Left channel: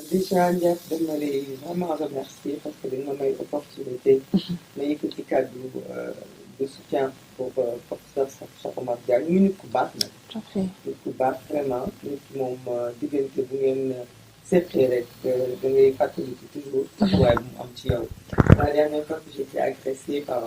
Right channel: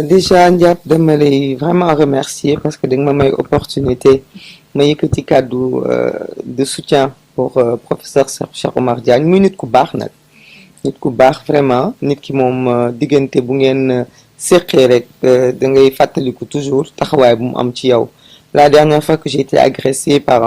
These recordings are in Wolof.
Déjà Ndiap dama lay vraiment remercier parce que da nga ma may opportunité ma yëkkati kàddu de soutien pour professeur Cheikh Oumar Diagne muy nit ku baax nag nit ku baax vraiment nit ki moom diggante bu ngeen séqee rek da ngay fàttaliku toujours taxawaay bu mu am ci yow. La dernière fois que j'ai été agressée par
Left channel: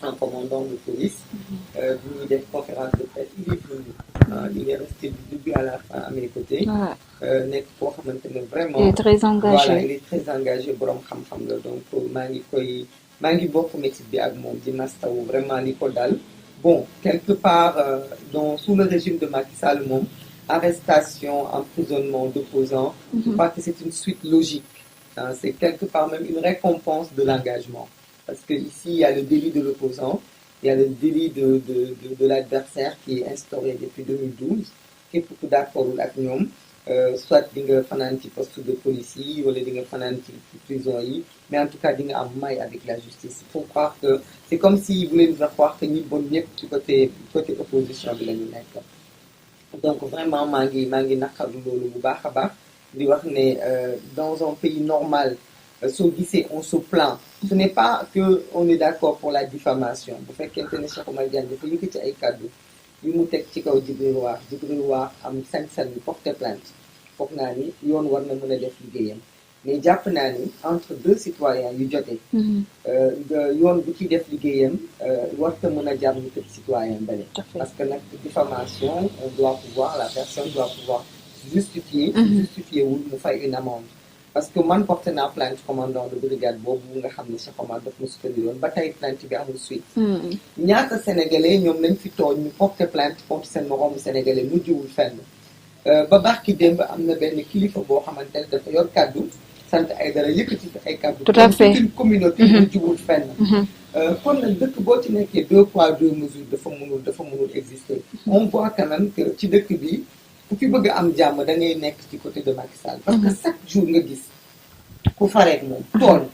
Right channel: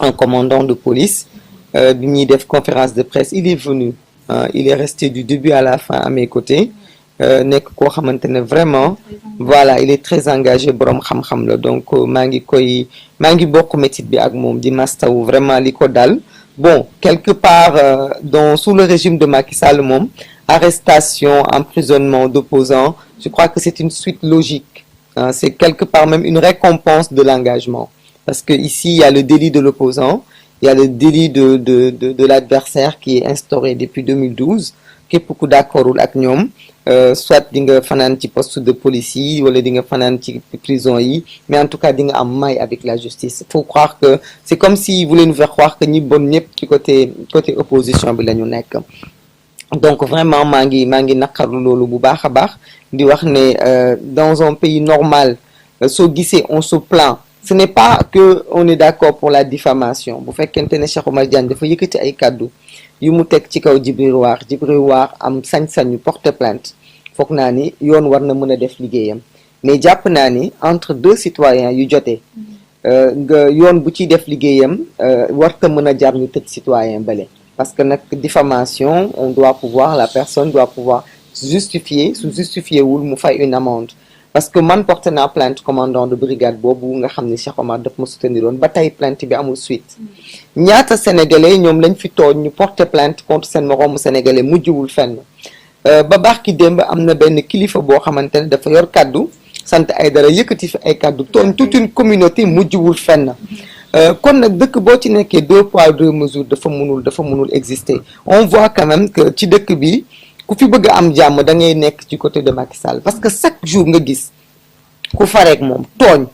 un commandant de police bi ñuy def conférence de presse il est venu il est resté du début à la fin à mes côtés. nekk koo xamante ne vraiment voilà il est très engagé borom xam-xam la donc maa ngi bokk métit bi ak moom di mastawu vraiment li ko dal bon quelque part dans sous le régime de Macky Sall moom arrestation emprisonnement d'opposants je crois que c'est une suite logique c'est quelque part même une récompense de l'engagement parce que ici il y a le délit de l'opposant il y a le délit de l'adversaire qui est instauré depuis 2012 képp ku d'accordul ak ñoom soit di nga fanaan ci poste de police yi wala di nga fanaan ci prison yi mais en tout cas di nga am may avec la justice. Il faut croire que c'est comme s'ils voulaient nous faire croire que ñi bon ñëpp ci côté opposition bi la ñu nekk. Donc vraiment maa ngi naqarlu loolu bu baax a baax di wax ne dans un pays normal soo gisee on se plaint. Ce n'est pas que on est d'accord pour la diffamation bu fekkente ne Cheikh Oumar Diagne dafa yëkkati ay kàddu yu mu teg ci kaw Djibril War am sañ-sañu porter plainte foog naa ni yoon war na mën a def liggéeyam mais jàpp naa ni entre deux citoyens yu jotee nga yoon bu ciy def liggéeyam warta mën a jar ñu tëj citoyen bale parce que nag diffamation on doit pouvoir la personne doit pouvoir justifier su justifier wul mu fay une amende parce que man porté naa plainte commandant de brigade boobu nga xam ni Cheikh Omar daf ma soutenir woon ba tey plainte bi amul suite ñaata sénégalais ñoom lañ fi tooñ ñu porté plainte contre seen moroomu sénégalais mujjiwul fenn ba baax ki démb am na benn kilifa boo xamante ne dafa yor kaddu sant ay dara yëkkati fi ay kaddu tooñ toute une communauté mujjiwul fenn kon nag dëkk boo ci nekkee 2 poids 2 mesures dafa mënul exister on voit quand même que ci dëkk bi ku fi bëgg am jàmm da ngay nekk ci côté de Macky Sall parce que chaque jour nga gis ku fareeg moom tooñ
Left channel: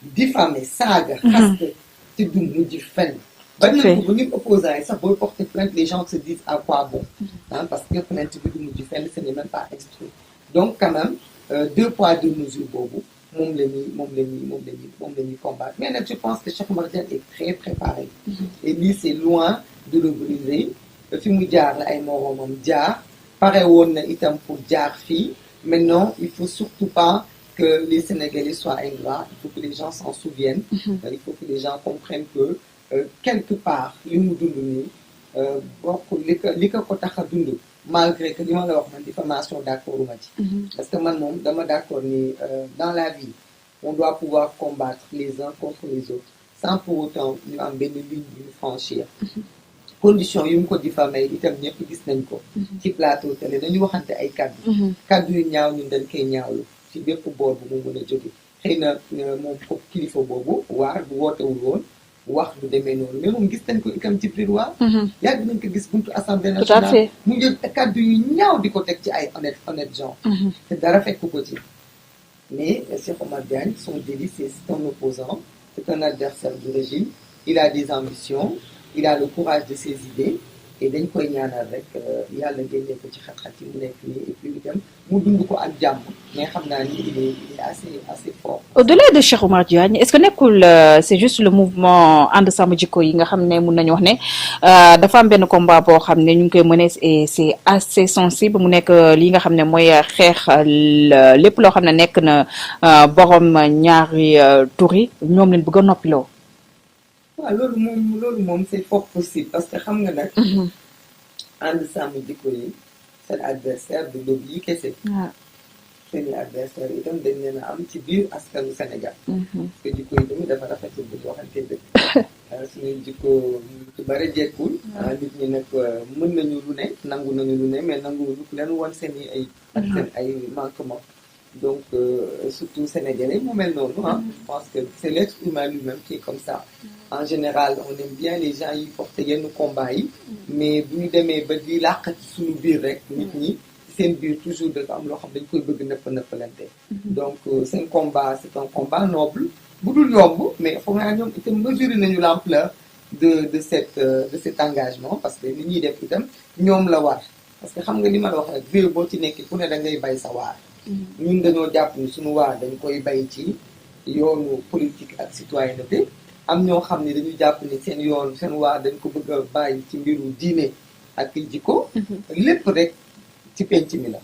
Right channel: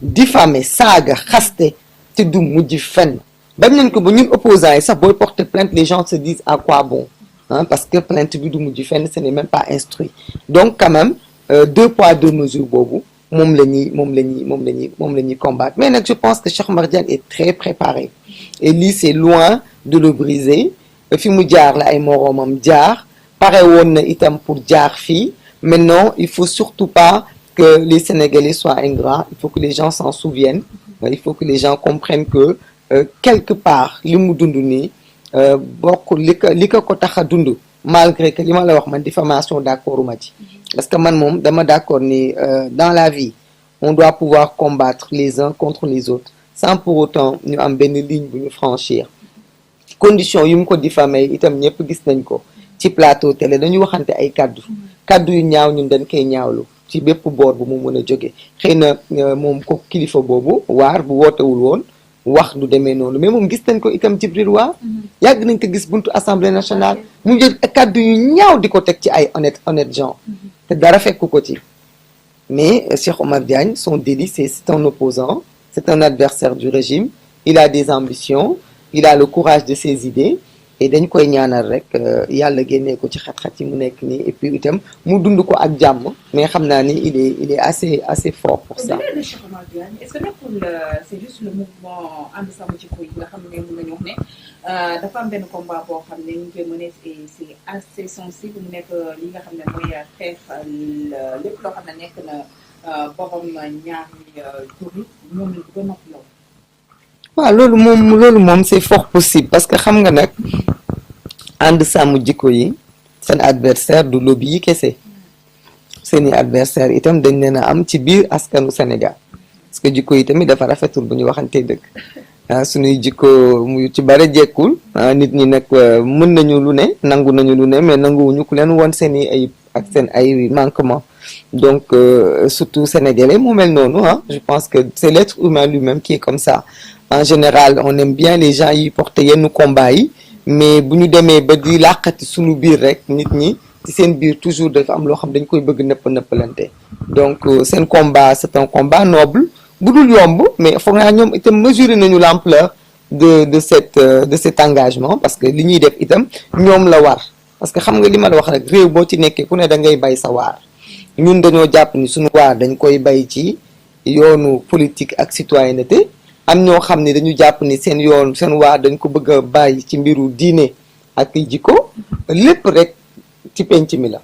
diffamer saaga xaste te du mujj fenn dem nañ ko ba ñun opposants yi sax booy porter plainte les gens se disent à quoi bon parce que plainte bi du mujj fenn ce n'est même pas instruit donc quand même 2 poids 2 mesures boobu moom la ñuy combattre mais nag je pense que Cheikh Oumar Diagne est très préparé et lii c'est loin de le briser fi mu jaar la ay moroomam jaar pare woon na itam pour jaar fii maintenant il faut surtout pas que les Sénégalais soient ingrats il faut que les gens s'en souviennent il faut que les gens comprennent que quelque part li mu dund nii bokk li ko tax a dund malgré que li ma la wax man diffamation d'accord ma ci parce que man moom dama d'accord ni dans la vie on doit pouvoir combattre les uns contre les autres sans pour autant ñu am benn ligne bu ñu franchir condition yu mu ko diffamé itam ñëpp gis nañ ko ci plateau télé dañu waxante ay kaddu yu ñaaw ñun dañ koy ñaawlu ci bépp boor bu mu mën a jóge xëy na moom ko kilifa boobu waar bu wootewul woon wax du demee noonu mais moom gis nañ ko itam Djibril War yàgg nañ ko gis buntu assemblée nationale mu jël kaddu yu ñaaw di ko teg ci ay honnête gens te dara fekk ko ci mais Cheikh Oumar Diagne son délit c'est un opposant c'est un adversaire du régime il a des ambitions il a le courage de ses idées et dañ koy ñaanal rek yàlla génnee ko ci xat-xat yi mu nekk nii et puis itam mu dund ko ak jàmm mais xam naa ni il est assez fort. Au-delà de Cheikh Oumar Diagne est-ce que nekkul c'est juste le mouvement ànd sàmm jikko yi nga xam ne mun nañu wax ne dafa am benn combat boo xam ne ñu ngi koy mener et c'est assez sensible mu nekk li nga xam ne mooy xeex lépp loo xam ne nekk na borom ñaari tur yi ñoom leen bëgg a noppiloo. waaw loolu moom c'est fort possible parce que xam nga nag ànd sàmm jikko yi seen adversaire du lobby yi kese seeni adversaire itam dañ leen a am ci biir askanu Sénégal parce que jikko yi tamit dafa rafetul bu ñu waxantee dëgg suñuy jikko mu ci bare jekkul nit ñi nag mën nañu lu ne nangu nañu lu ne mais nanguwuñu ku leen woon seeni ayib ak seen ay manquement donc surtout sénégalais mu mel noonu je pense que c'est l'être humain lui-même qui est comme ça. En général on aime bien les gens yi porter yenn combat yi mais bu ñu demee ba di làqati suñu biir rek nit ñi ci seen biir toujours dafa am loo xam dañ koy bëgg nëppalante donc seen combat c'est un combat noble bu dul yomb mais foog naa ñoom itam mesurer nañu l'ampleur de cet engagement parce que li ñuy def itam ñoom la war parce que xam nga li ma la wax rek réew boo ci nekkee ku ne da ngay bay sa waar ñun dañoo jàpp ni suñu waar dañ koy bay ci yoonu politique ak citoyenneté am ñoo xam ne dañu jàpp ni seen waar dañ ko bëgg a bàyyi ci mbiru diine ak jikko lépp rek ci penc mi la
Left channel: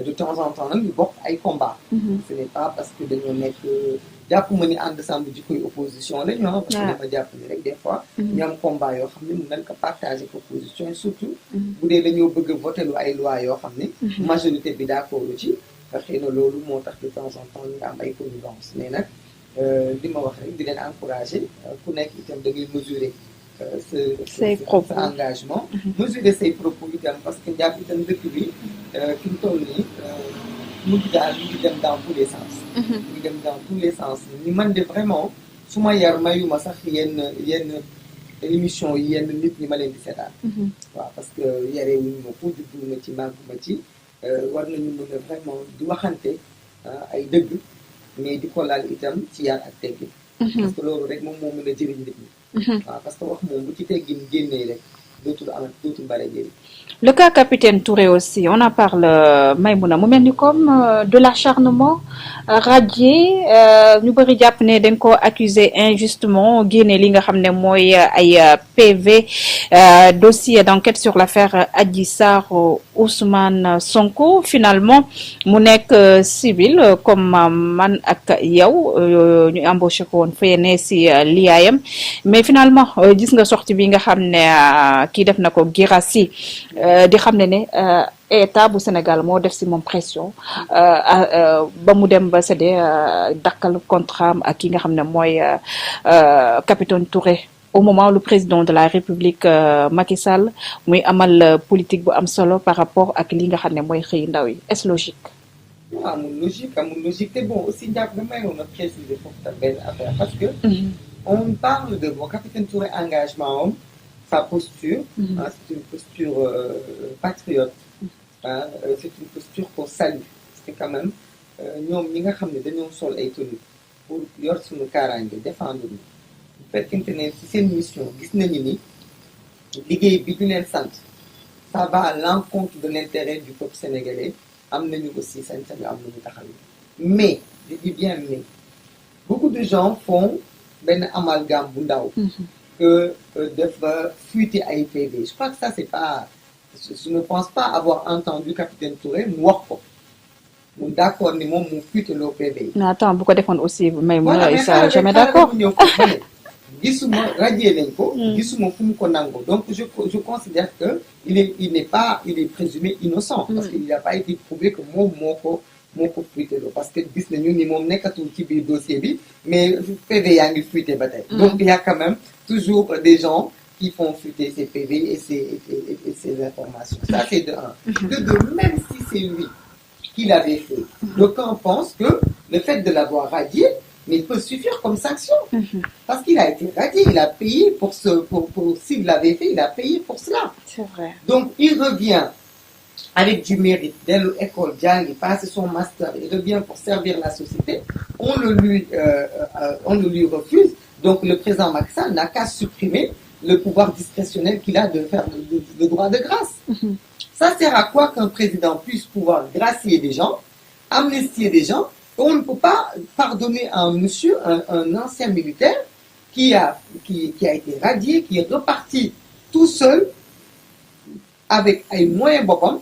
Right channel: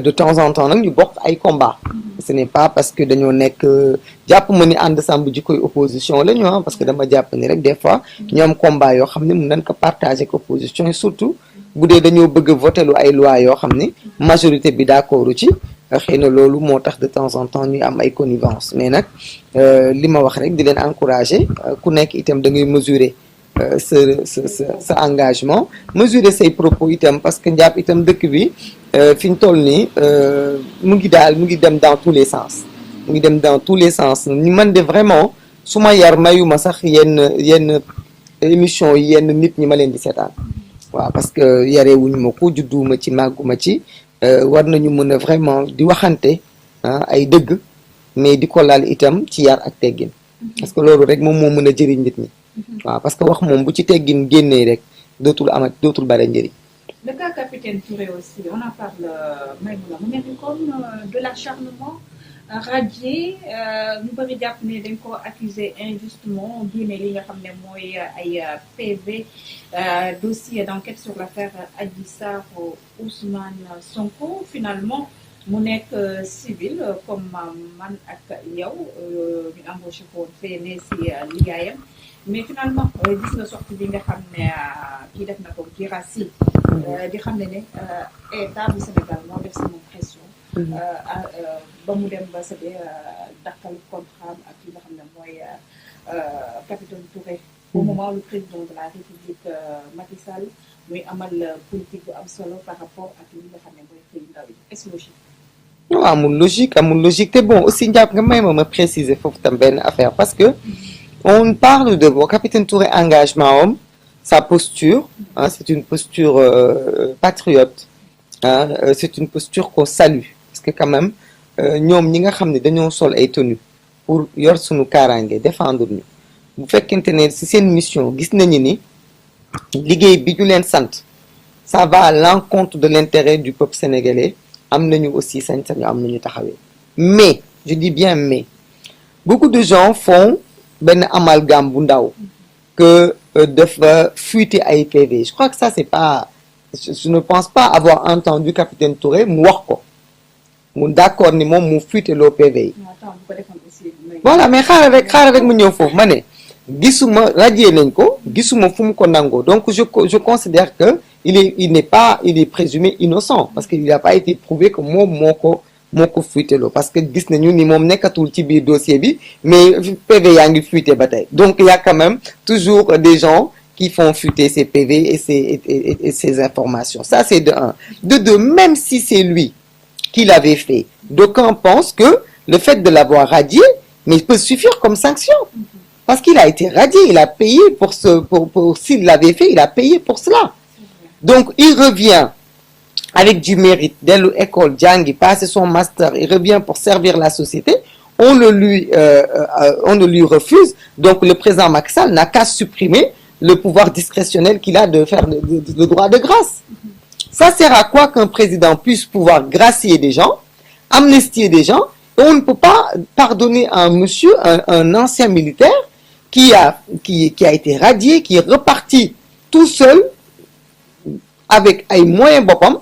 de temps en temps nag ñu bokk ay combat ce n'est pas parce que dañoo nekk jàpp ma ni ànd sàmm jikkoy opposition la ñu parce que dama jàpp ni rek des fois ñoom combat yoo xam ne mun nañ ko partager ak opposition et surtout bu dee dañoo bëgg a voter lu ay loi yoo xam ne majorité bi d'accord ci xëy na loolu moo tax de temps en temps ñuy am ay connivence mais nag li ma wax rek di leen encourager ku nekk itam da ngay mesurer sa engagement mesurer say propos itam parce que njàpp itam dëkk bi fi ñu toll nii mu ngi dem dans tous les sens mu ngi dem dans tous les sens ñu mën de vraiment su ma yar mayuma sax yenn émission yenn nit ñi ma leen di seetaan waaw parce que yarewuñu ma ko judduwuma ci màgguma ci war nañu mën a vraiment di waxante ay dëgg mais di ko laal itam ci yar ak teggin parce que loolu rek moom moo mën a jëriñ nit ñi waaw parce que wax moom bu ci teggin génnee rek dootul bare njëriñ. Le cas Capitaine Touré aussi on en parle Maïmouna mu mel ni comme de l'acharnement radié ñu bëri jàpp ne dañ ko accusé injustement génne li nga xam ne mooy ay PV dossier d'enquête sur l'affaire Adji Sarr Ousmane Sonko finalement mu nekk civil comme man ak yow ñu embauché ko woon fayene si liyaayam mais finalement gis nga sortie bi nga xam ne kii def na ko Guirassy di xam ne état bu Sénégal moo def si moom pression ba mu dem ba séddee dakkal contrat ak ki nga xam ne mooy Capitaine Touré au moment où le président de la République Macky Sall muy amal politique bu am solo par rapport ak li nga xam ne mooy xëy ndaw yi est-ce logique? non amul logique te bon aussi njàpp nga may ma préciser foofu tam benn affaire parce que on parle de Capitaine Touré engagement am sa posture c'est une posture patriote c'est une posture qu'on salue parce que quand même ñoom ñi nga xam ne dañoo sol ay tenues pour yor suñu kaaraange défendre ñu bu fekkente ne ci seen mission gis nañu ni liggéey bi ñu leen sant ça va à l'encontre de l'intérêt du peuple sénégalais am nañu aussi sañ-sañu am nañu taxawee mais je dis bien mais beaucoup de gens font benn amalgame bu ndaw que dafa fuiter ay PV je crois que ça c'est pas je ne pense pas avoir entendu Capitaine Touré mu wax ko mu d'accord ni moom mu fuiter loo PV yi. mais attends bu ko defoon aussi. voilà mais xaaral rek mu ñëw foofu ma ne gisuma radié nañ ko. gisuma fu mu ko nangoo donc je considère que il est présumé innocent. parce que il n'a pas été prouvé que moom moo ko fuité loo parce que gis nañu ni moom nekkatul ci biir dossier bi mais PV yaa ngi fuité ba tey. donc il y a quand même toujours des gens qui font fuiter ces PV et ces informations ça c'est de un. De deux même si c'est lui qui l'avait fait d'aucuns pensent que le fait de l'avoir radié mais peut suffire comme sanction parce qu'il a été radié il a payé pour s'il l'avait fait il a payé pour cela. C'est vrai. Donc il revient avec du mérite dellu école jàngi passer son master il revient pour servir la société on le lui refuse donc le président Macky Sall n'a qu'à supprimer le pouvoir discrétionnel qu'il a de faire le droit de grâce. Ça sert à quoi qu'un président puisse pouvoir gracier des gens amnistier des gens et on ne peut pas pardonner à un monsieur un ancien militaire qui a été radié qui est reparti tout seul avec ay moyens boppam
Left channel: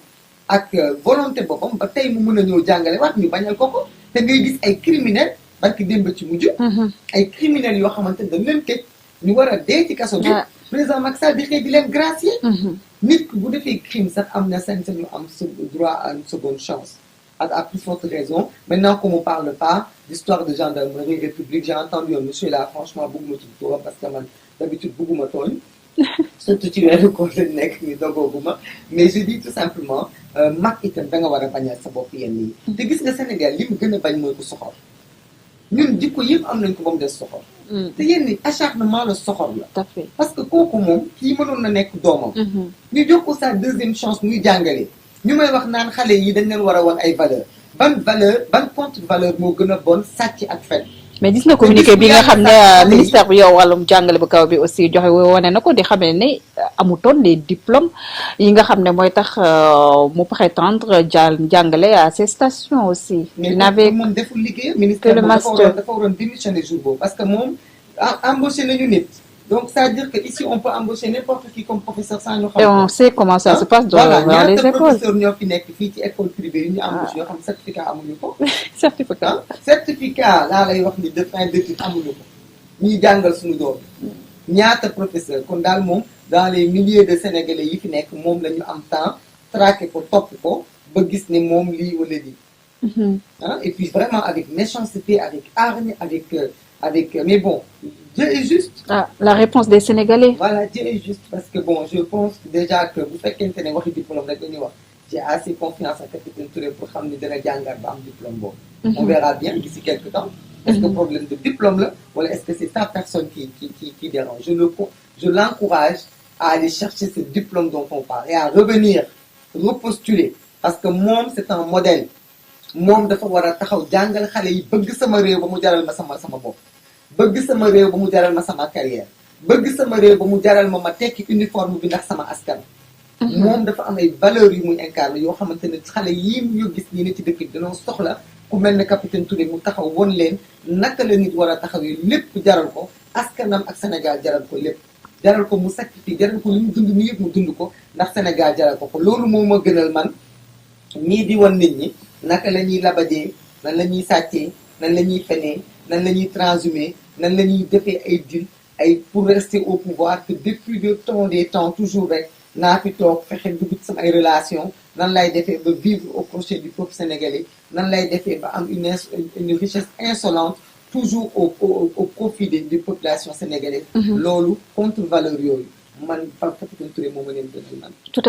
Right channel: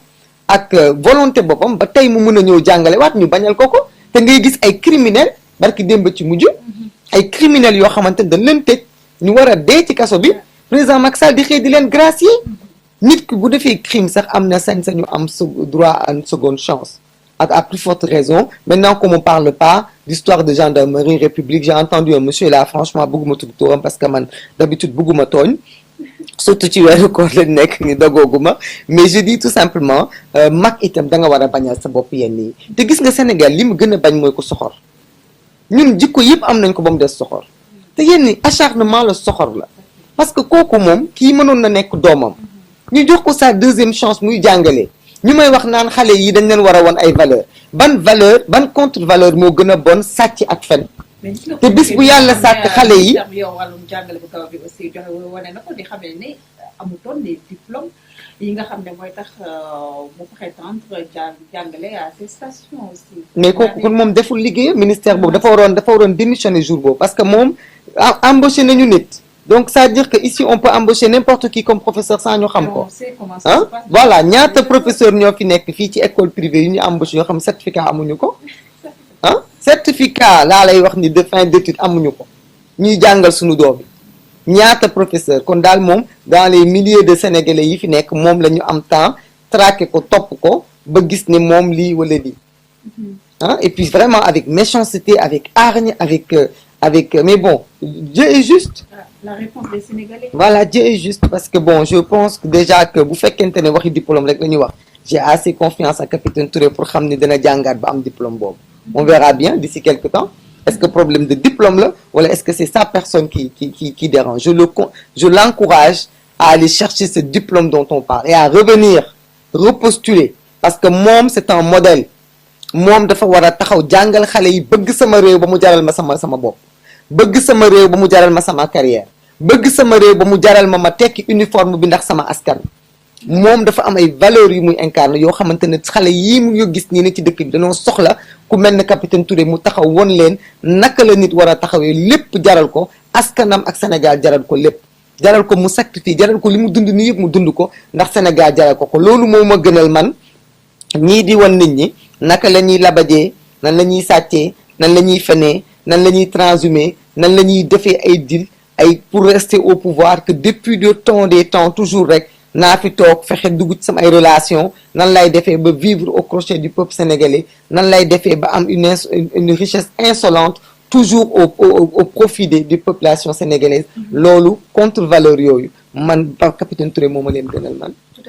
ak volonté boppam ba tey mu mën a ñëw jàngale waat ñu bañal ko te ngay gis ay criminels barki démb ci mujj ay criminels yoo xamante ne dañ leen tëj ñu war a dee ci kaso bi président Macky Sall di xëy di leen gracier nit ki bu defee crime sax am na sañ-sañu am droit à une seconde chance à plus forte raison maintenant qu'on ne parle pas d'histoire de gendarmerie république j'ai entendu un monsieur là franchement bëgguma tudd turam parce que man d'habitude bëgguma tooñ surtout ci weeru koor lañ nekk ni dogooguma mais je dis tout simplement mag itam da nga war a bañal sa bopp yenn yi te gis nga Sénégal li mu gën a bañ mooy ko soxor ñun jikko yëpp am nañ ko ba mu des soxor te yenn ni acharnement la soxor la parce que kooku moom kii mënoon na nekk doomam ñu jox ko sa deuxième chance muy jàngale ñu may wax naan xale yi dañ leen war a won ay valeur ban contre valeur moo gën a bon sàcc ak fen mais gis nga communiqué bi nga xam ne ministère bi yow wàllum jàngale bu kaw bi aussi joxe wane na ko di xam ne amutoon des diplômes yi nga xam ne mooy tax mu prétendre jàngale à ces stations aussi. mais moom deful liggéey ministère boobu dafa waroon démissionner jour boobu parce que moom embauché nañu nit. donc ça veut dire que ici on peut embaucher n'importe qui comme professeur sans ñu xam ko. on sait comment ça se passe. voilà ñaata professeur ñoo fi nekk fii ci école privée yu ñu embauché yoo xam certificat amuñu ko. certificat laa lay wax ni de fin d'études amuñu ko ñuy jàngal suñu doom yi ñaata professeur kon daal moom dans les milliers de sénégalais yi fi nekk moom la ñu am temps traqué ko topp ko ba gis ne moom lii wala lii. et puis vraiment avec méchanceté avec hargne avec mais bon Dieu est juste. La réponse des Sénégalais. Voilà, Dieu est juste parce que bon je pense que déjà que bu fekkente ne waxi diplôme rek la ñuy wax j'ai assez confiance à capitaine Touré pour xam ne dina jàngaat ba am diplôme boobu. On verra bien d'ici quelque temps. Est-ce que problème de diplôme là wala est-ce que c'est sa personne qui dérange. Je l'encourage à aller chercher ce diplôme dont on parle et à revenir repostuler parce que moom c'est un modèle moom dafa war a taxaw jàngal xale yi bëgg sama réew ba mu jaral ma sama bopp. bëgg sama réew ba mu jaral ma sama carrière bëgg sama réew ba mu jaral ma tekki uniforme bi ndax sama askan. moom dafa am ay valeurs yu muy incarné yoo xamante ne xale yii mu ñu gis nii ne ci dëkk bi dañoo soxla ku mel ne capitaine Touré mu taxaw won leen naka la nit war a taxawee lépp jaral ko askanam ak Sénégal jaral ko lépp. jaral ko mu sacrifice jaral ko li mu dund nii yëpp mu dund ko ndax Sénégal jaral ko loolu moo ma gënal man ñii di wan nit ñi naka la ñuy labajee nan la ñuy sàccee nan la ñuy fenee nan la ñuy transhumer nan la ñuy defee ay deal ay pour rester au pouvoir que depuis le temps des temps toujours rek naa fi toog fexe dugg ci sama ay relation nan lay defee ba vivre au crochet du peuple sénégalais nan lay defee ba am une richesse insolente toujours au profit des populations sénégalaises loolu contre valeur yooyu man par capitaine Touré moo ma leen gënal man